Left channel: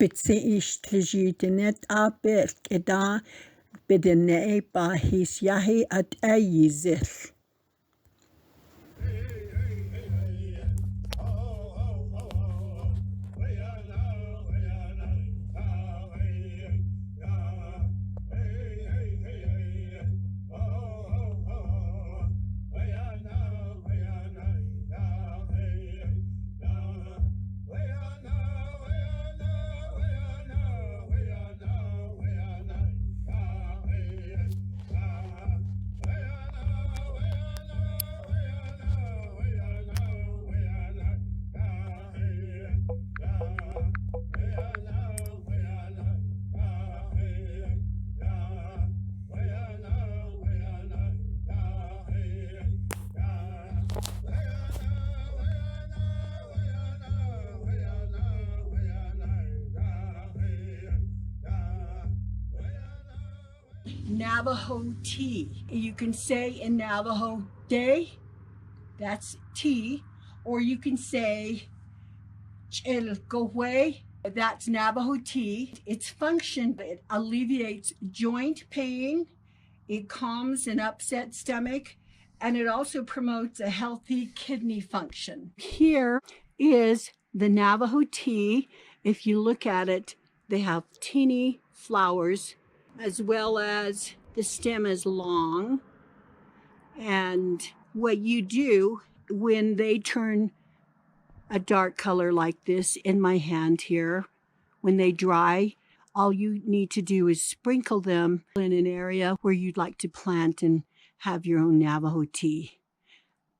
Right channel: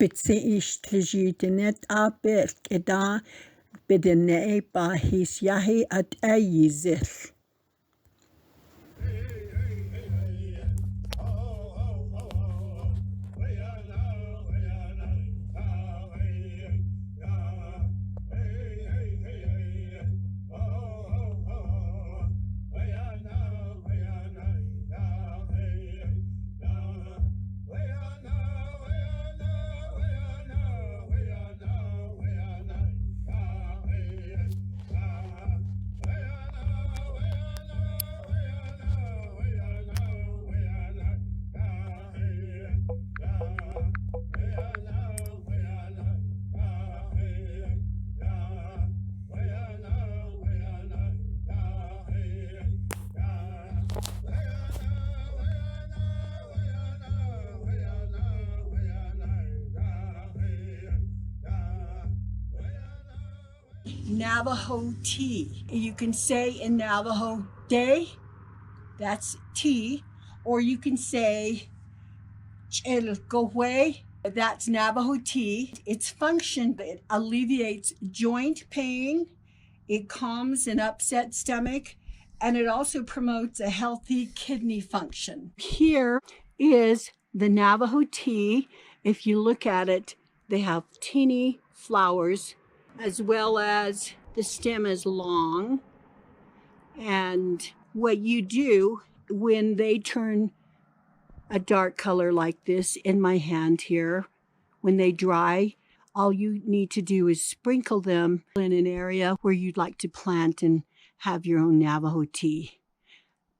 Bitse ishtijitinet abel keda bedene bahis yahi at ayizil. Navajo tea. You can say in Navajo day, that's tea, or you can say chelgohue, that's Navajo tea. Its function, it alleviates joint pain, it calms an upset stomach, and it also promotes a healthy kidney function. Here is the Navajo tea. If you look at it, they have teeny flowers, as well as the stem is long. And what you do when they turn a dark color like this in my hand here, when they dry, all you need to do is sprinkle them in an area where you'd like to plant and have your own Navajo tea.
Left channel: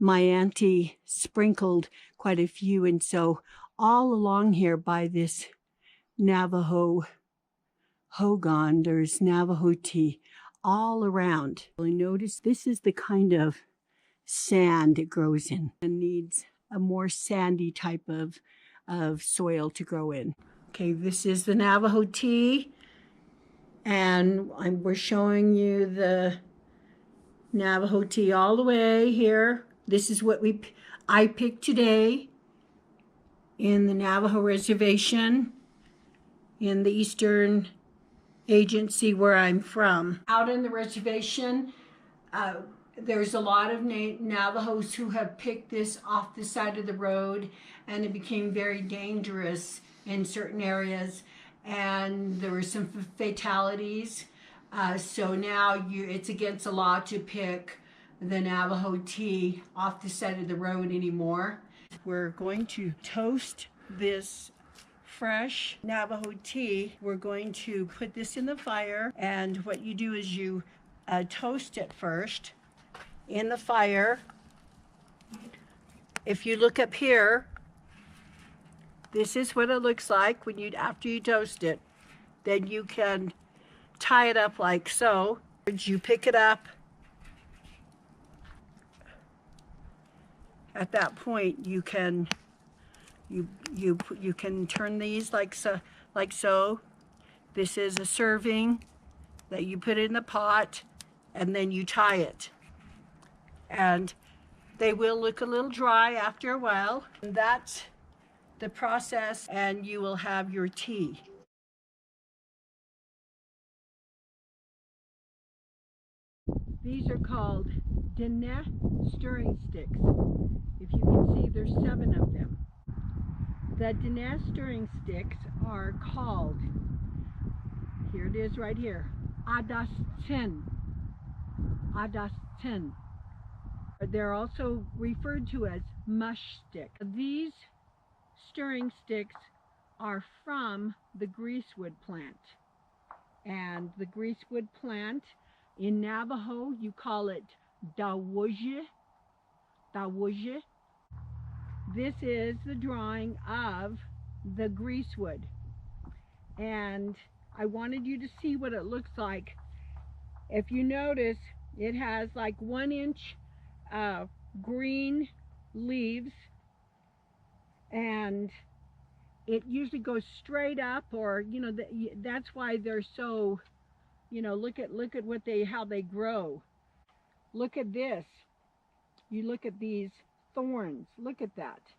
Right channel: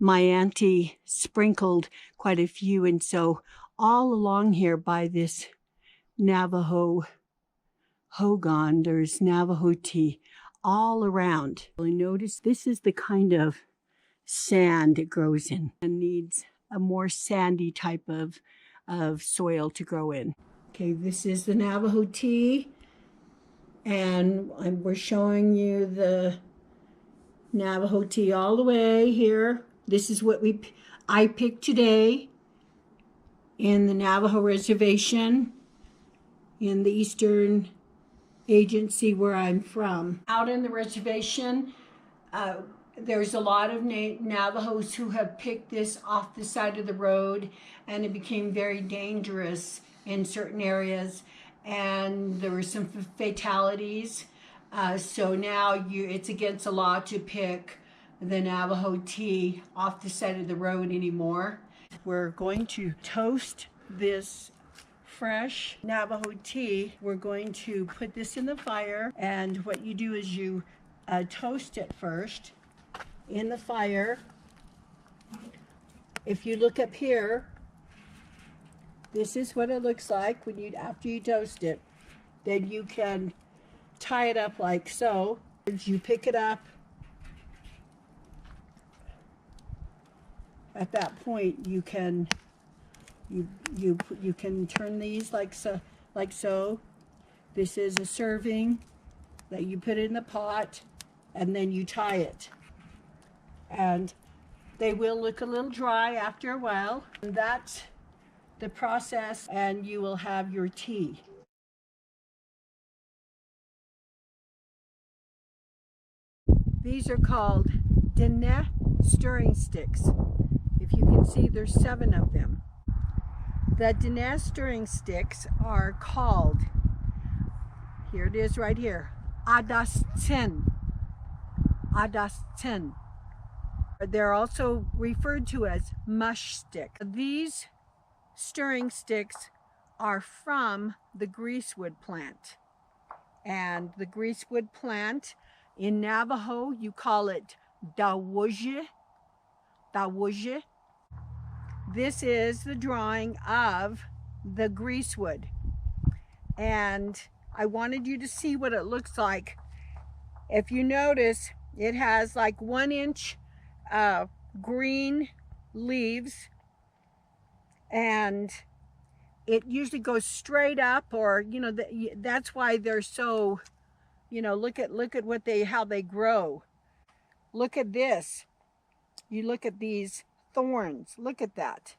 My auntie sprinkled quite a few, and so all along here by this Navajo hogan, there's Navajo tea all around. Notice this is the kind of sand it grows in and needs a more sandy type of soil to grow in. Okay, this is the Navajo tea, and we're showing you the Navajo tea all the way here. This is what I picked today in the Navajo Reservation in the Eastern Agency where I'm from. Out in the reservation, there's a lot of Navajos who have picked this off the side of the road, and it became very dangerous in certain areas, and there were some fatalities. So now it's against the law to pick the Navajo tea off the side of the road anymore. We're going to toast this fresh Navajo tea. We're going to put this in the fire, and what you do is you toast it first in the fire. If you look up here, this is what it looks like when after you toast it. Then you can tie it up like so. You pick it up. At that point, you can turn these like so. This is a serving that you put in the pot, and then you tie it. And they will look a little dry after a while. And that's the process, and you will have your tea. These are called dene stirring sticks. If you can see, there's 7 of them. The dene stirring sticks are called, here it is right here, adasten. Adasten. They're also referred to as mush stick. These stirring sticks are from the greasewood plant. And the greasewood plant, in Navajo, you call it dawuje. Dawuje. This is the drawing of the greasewood. And I wanted you to see what it looks like. If you notice, it has like 1 inch green leaves, and it usually goes straight up, or that's why they're so, look at how they grow. Look at this. You look at these thorns. Look at that.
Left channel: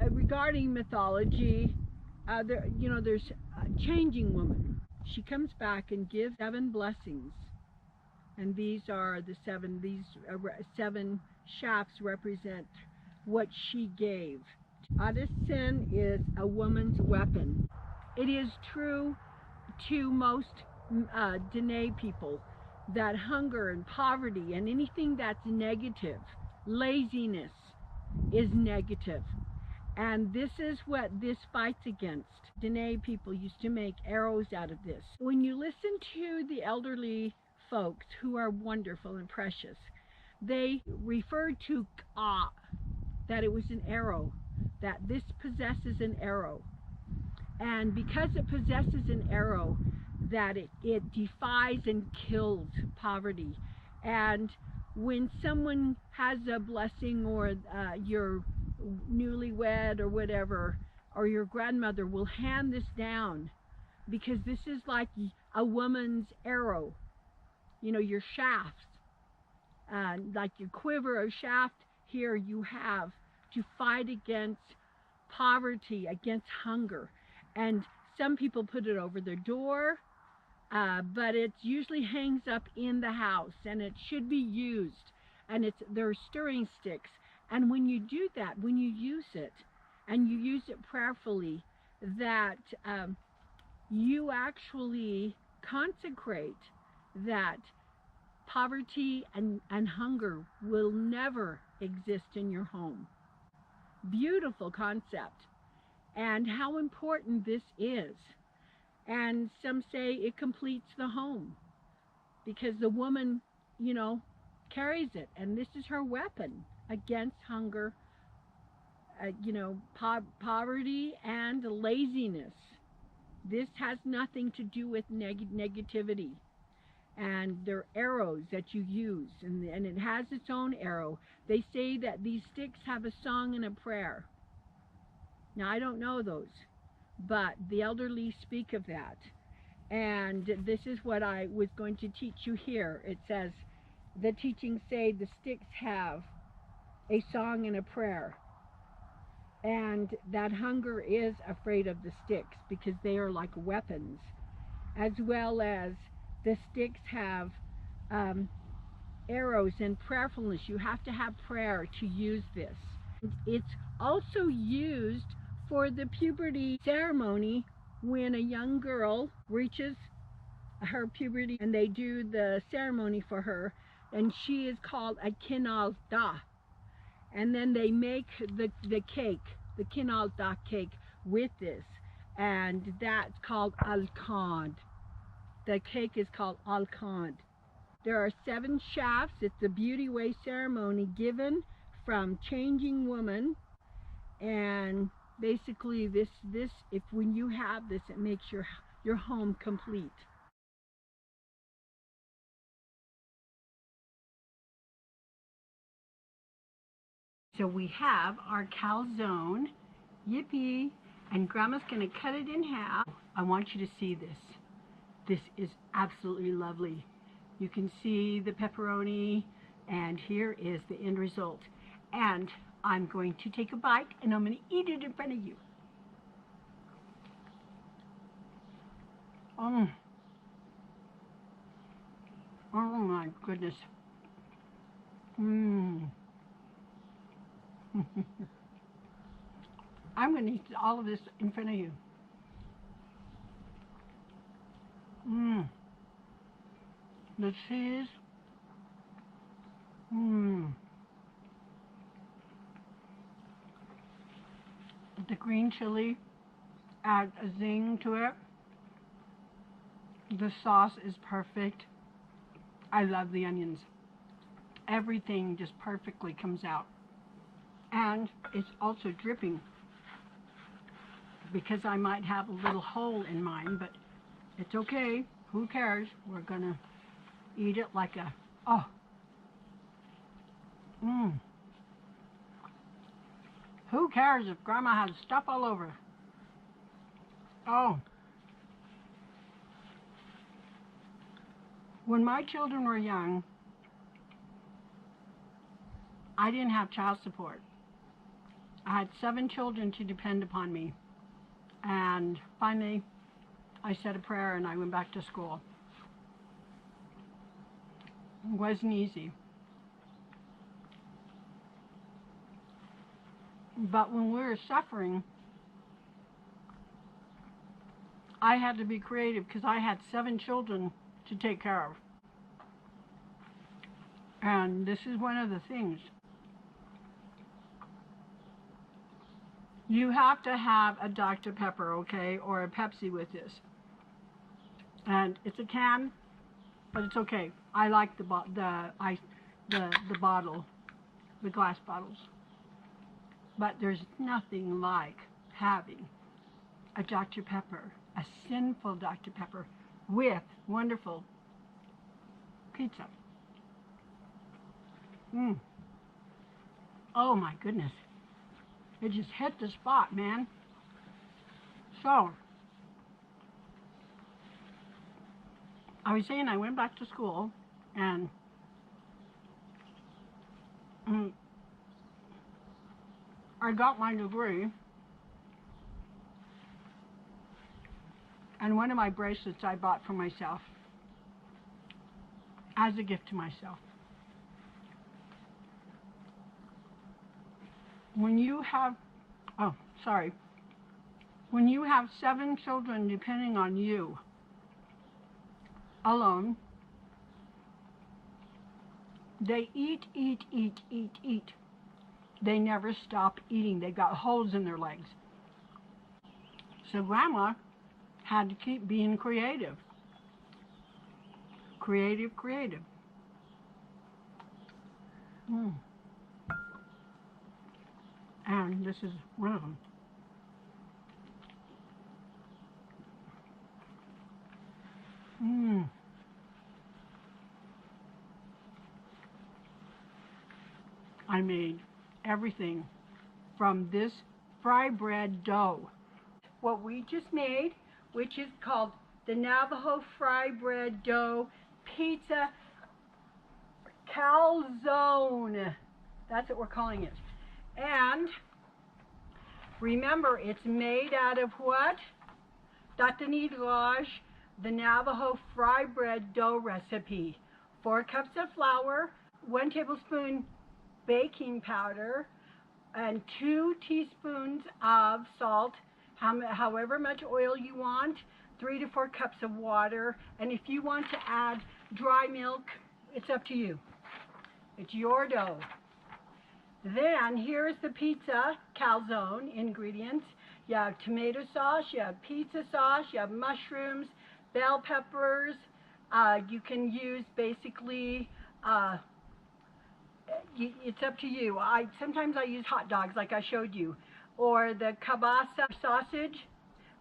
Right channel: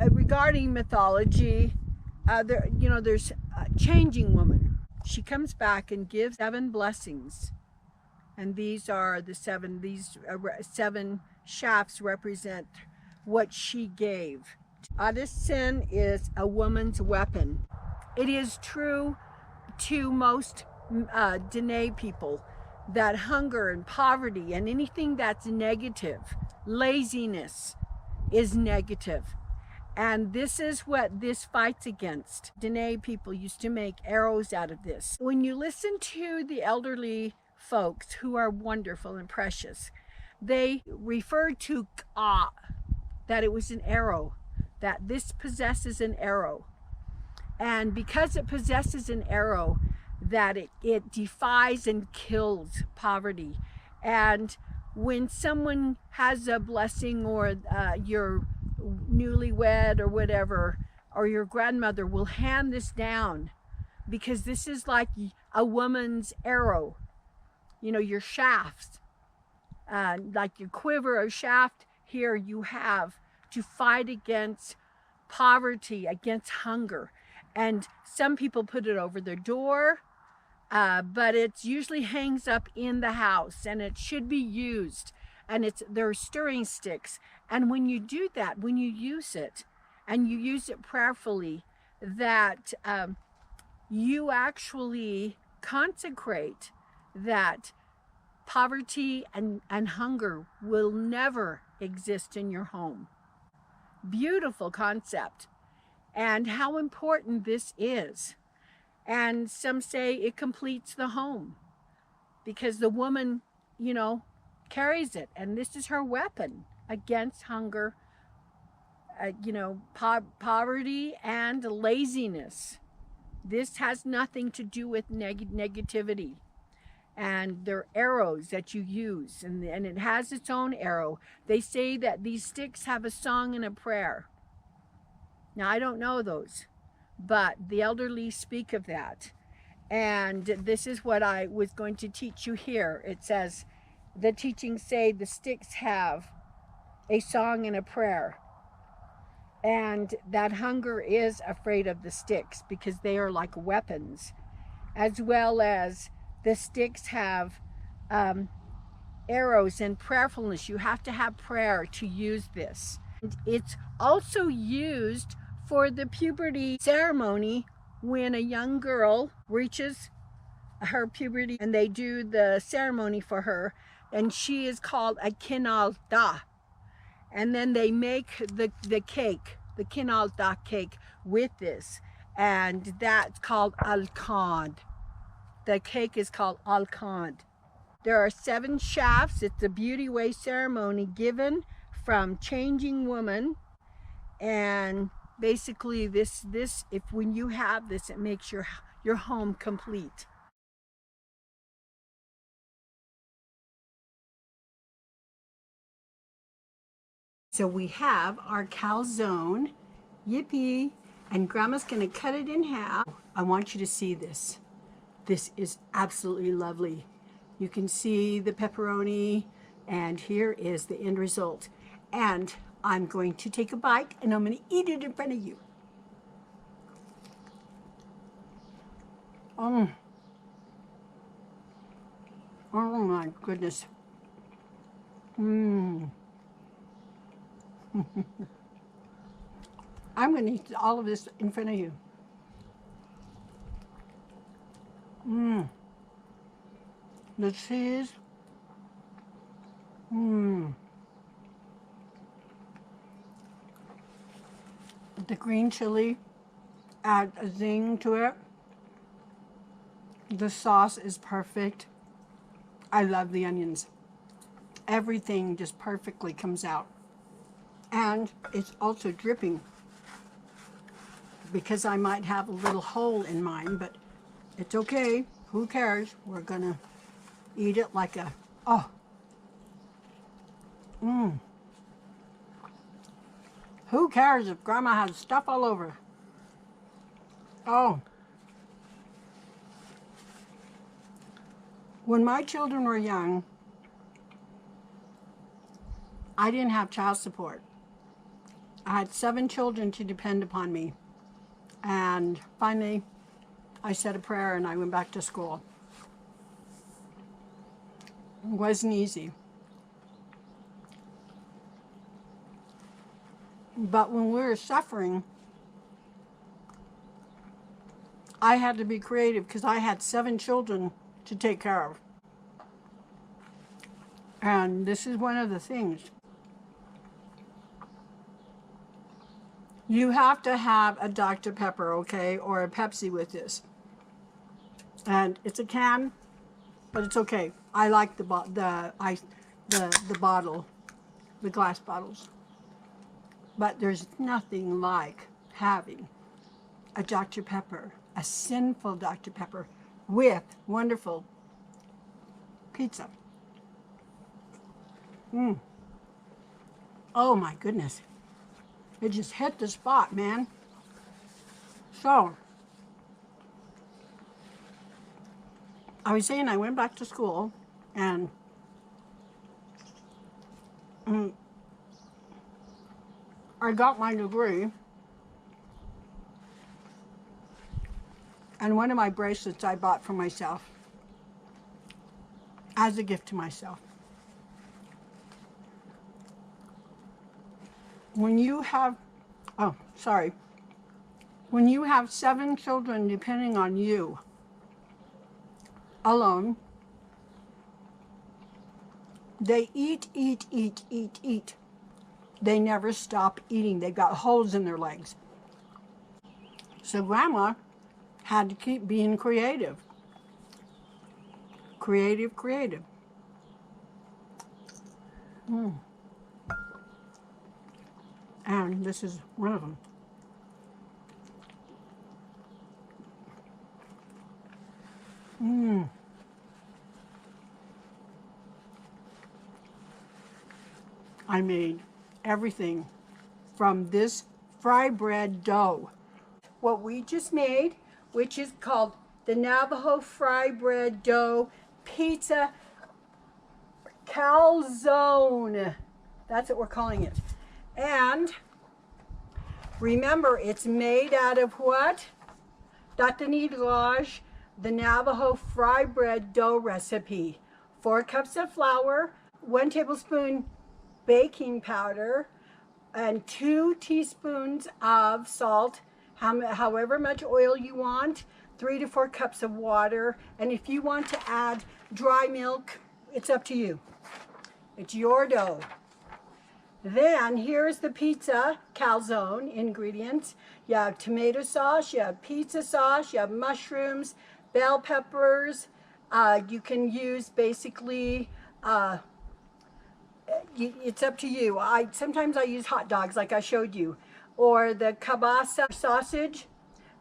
Regarding mythology, there's a changing woman. She comes back and gives 7 blessings, and these are the seven. These 7 shafts represent what she gave. Sin is a woman's weapon. It is true to most Dene people that hunger and poverty and anything that's negative, laziness, is negative. And this is what this fights against. Dene people used to make arrows out of this. When you listen to the elderly folks who are wonderful and precious, they refer to ka, that it was an arrow, that this possesses an arrow. And because it possesses an arrow, that it defies and kills poverty. And when someone has a blessing, or you're newlywed or whatever, or your grandmother will hand this down, because this is like a woman's arrow, your shafts, like your quiver or shaft. Here you have to fight against poverty, against hunger. And some people put it over their door, but it usually hangs up in the house, and it should be used. And they're stirring sticks. And when you do that, when you use it, and you use it prayerfully, that you actually consecrate that poverty and hunger will never exist in your home. Beautiful concept. And how important this is. And some say it completes the home, because the woman, carries it, and this is her weapon against hunger, poverty and laziness. This has nothing to do with negativity. And they're arrows that you use, and it has its own arrow. They say that these sticks have a song and a prayer. Now, I don't know those, but the elderly speak of that. And this is what I was going to teach you here. It says, the teachings say the sticks have a song and a prayer. And that hunger is afraid of the sticks, because they are like weapons. As well as the sticks have arrows and prayerfulness. You have to have prayer to use this. It's also used for the puberty ceremony, when a young girl reaches her puberty and they do the ceremony for her, and she is called a kinalda. And then they make the cake, the kinalda cake, with this, and that's called alkand. The cake is called alkand. There are 7 shafts. It's a beauty way ceremony given from changing woman. And basically this if when you have this, it makes your home complete. So we have our calzone, yippee, and Grandma's gonna cut it in half. I want you to see this. This is absolutely lovely. You can see the pepperoni, and here is the end result. And I'm going to take a bite, and I'm gonna eat it in front of you. Oh my goodness. I'm going to eat all of this in front of you. The cheese. The green chili add a zing to it. The sauce is perfect. I love the onions. Everything just perfectly comes out. And it's also dripping, because I might have a little hole in mine, but it's okay. Who cares? We're gonna eat it like a, Who cares if Grandma has stuff all over? Oh. When my children were young, I didn't have child support. I had 7 children to depend upon me. And finally, I said a prayer and I went back to school. It wasn't easy. But when we were suffering, I had to be creative because I had 7 children to take care of. And this is one of the things. You have to have a Dr. Pepper, okay, or a Pepsi with this. And it's a can, but it's okay. I like the bottle, the glass bottles. But there's nothing like having a Dr. Pepper, a sinful Dr. Pepper, with wonderful pizza. Oh my goodness. It just hit the spot, man. So, I was saying I went back to school and I got my degree, and one of my bracelets I bought for myself as a gift to myself. When you have, when you have 7 children depending on you alone, they eat. They never stop eating. They got holes in their legs. So Grandma had to keep being creative. Creative. And this is one of them. I made everything from this fry bread dough. What we just made, which is called the Navajo fry bread dough pizza calzone. That's what we're calling it. And remember, it's made out of what? Datanidlaj, the Navajo fry bread dough recipe. 4 cups of flour, 1 tablespoon baking powder, and 2 teaspoons of salt, however much oil you want, 3 to 4 cups of water, and if you want to add dry milk, it's up to you. It's your dough. Then here's the pizza calzone ingredients. You have tomato sauce, you have pizza sauce, you have mushrooms, bell peppers. You can use basically, it's up to you. Sometimes I use hot dogs like I showed you, or the kielbasa sausage,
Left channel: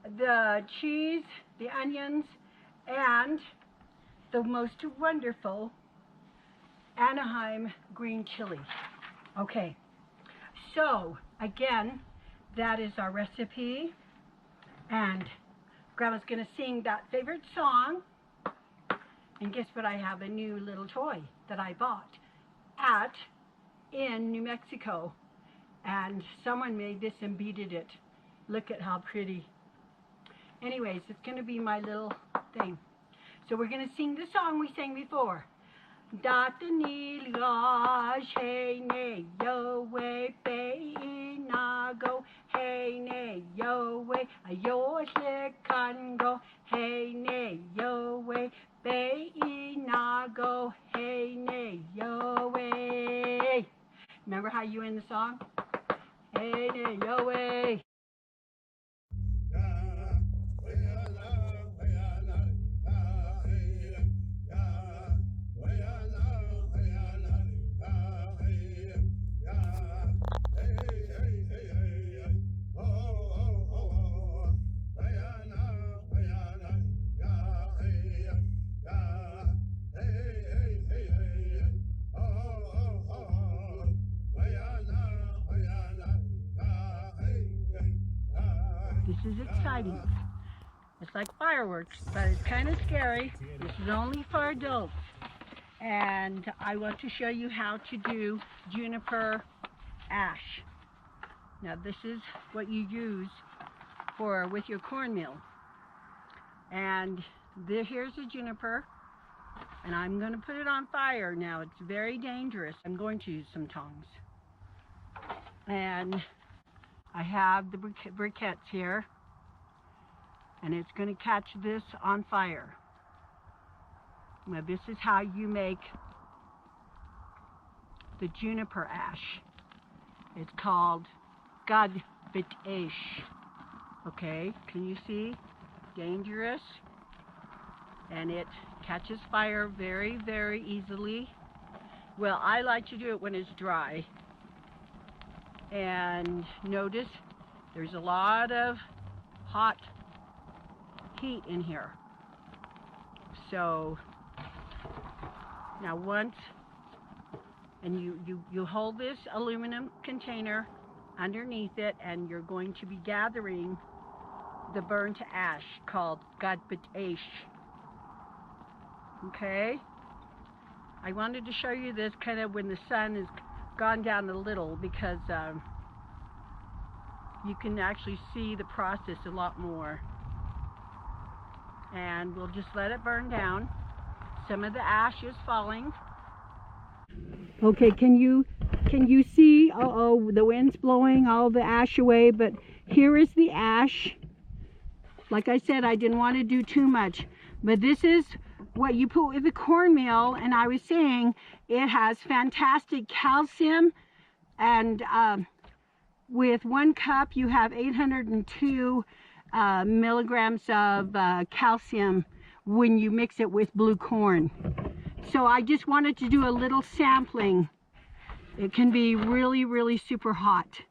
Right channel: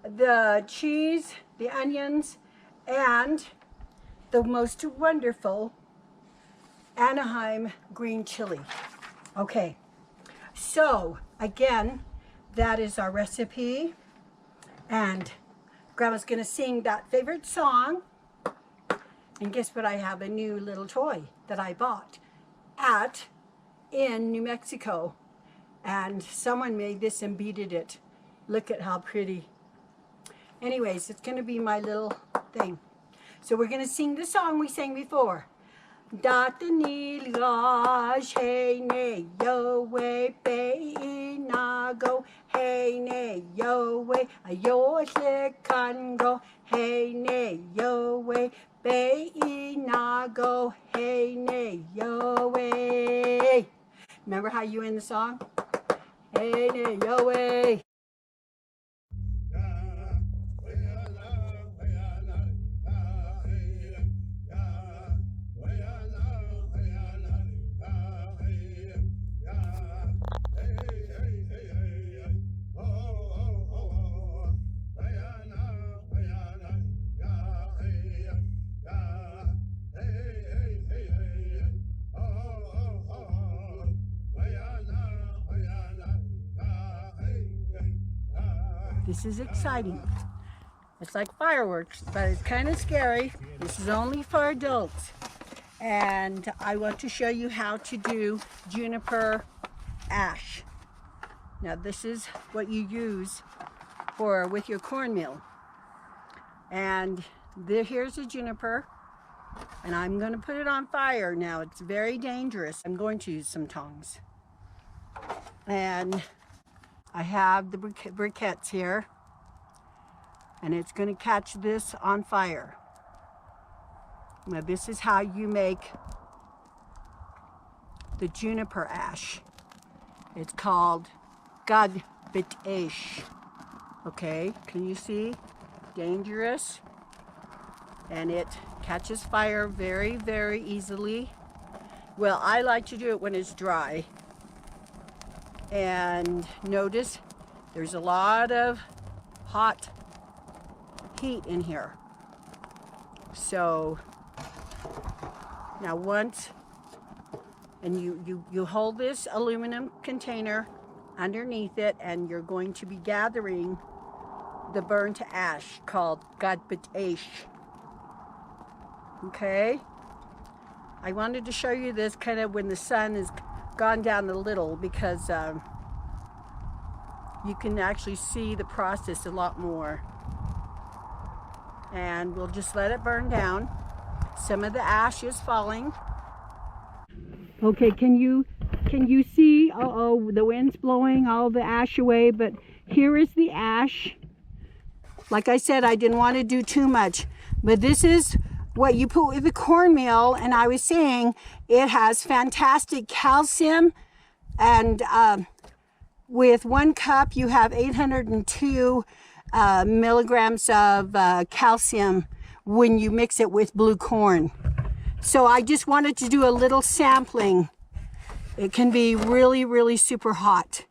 the cheese, the onions, and the most wonderful Anaheim green chili. Okay, so again, that is our recipe, and Grandma's gonna sing that favorite song. And guess what? I have a new little toy that I bought in New Mexico, and someone made this and beaded it. Look at how pretty. Anyways, it's gonna be my little thing. So we're gonna sing the song we sang before. Datanilaj, hey ne yo way be nago, hey ne yo way ayo kango, hey ne yo way be nago, hey ne yo way. Remember how you end the song? Hey ne yo way. This is exciting. It's like fireworks, but it's kind of scary. This is only for adults. And I want to show you how to do Juniper Ash. Now this is what you use with your cornmeal. And here's a juniper, and I'm going to put it on fire now. It's very dangerous. I'm going to use some tongs. And I have the briquettes here, and it's going to catch this on fire. Now this is how you make the juniper ash. It's called Navajo Ash. Okay, can you see? Dangerous. And it catches fire very, very easily. Well, I like to do it when it's dry. And notice there's a lot of hot heat in here. So now and you hold this aluminum container underneath it, and you're going to be gathering the burnt ash called Navajo Ash. Okay, I wanted to show you this kind of when the sun has gone down a little, because you can actually see the process a lot more. And we'll just let it burn down. Some of the ash is falling. Okay, can you see? Uh-oh, the wind's blowing all the ash away, but here is the ash. Like I said, I didn't want to do too much, but this is what you put with the cornmeal, and I was saying it has fantastic calcium, and with 1 cup you have 802 milligrams of calcium when you mix it with blue corn. So I just wanted to do a little sampling. It can be really, really super hot.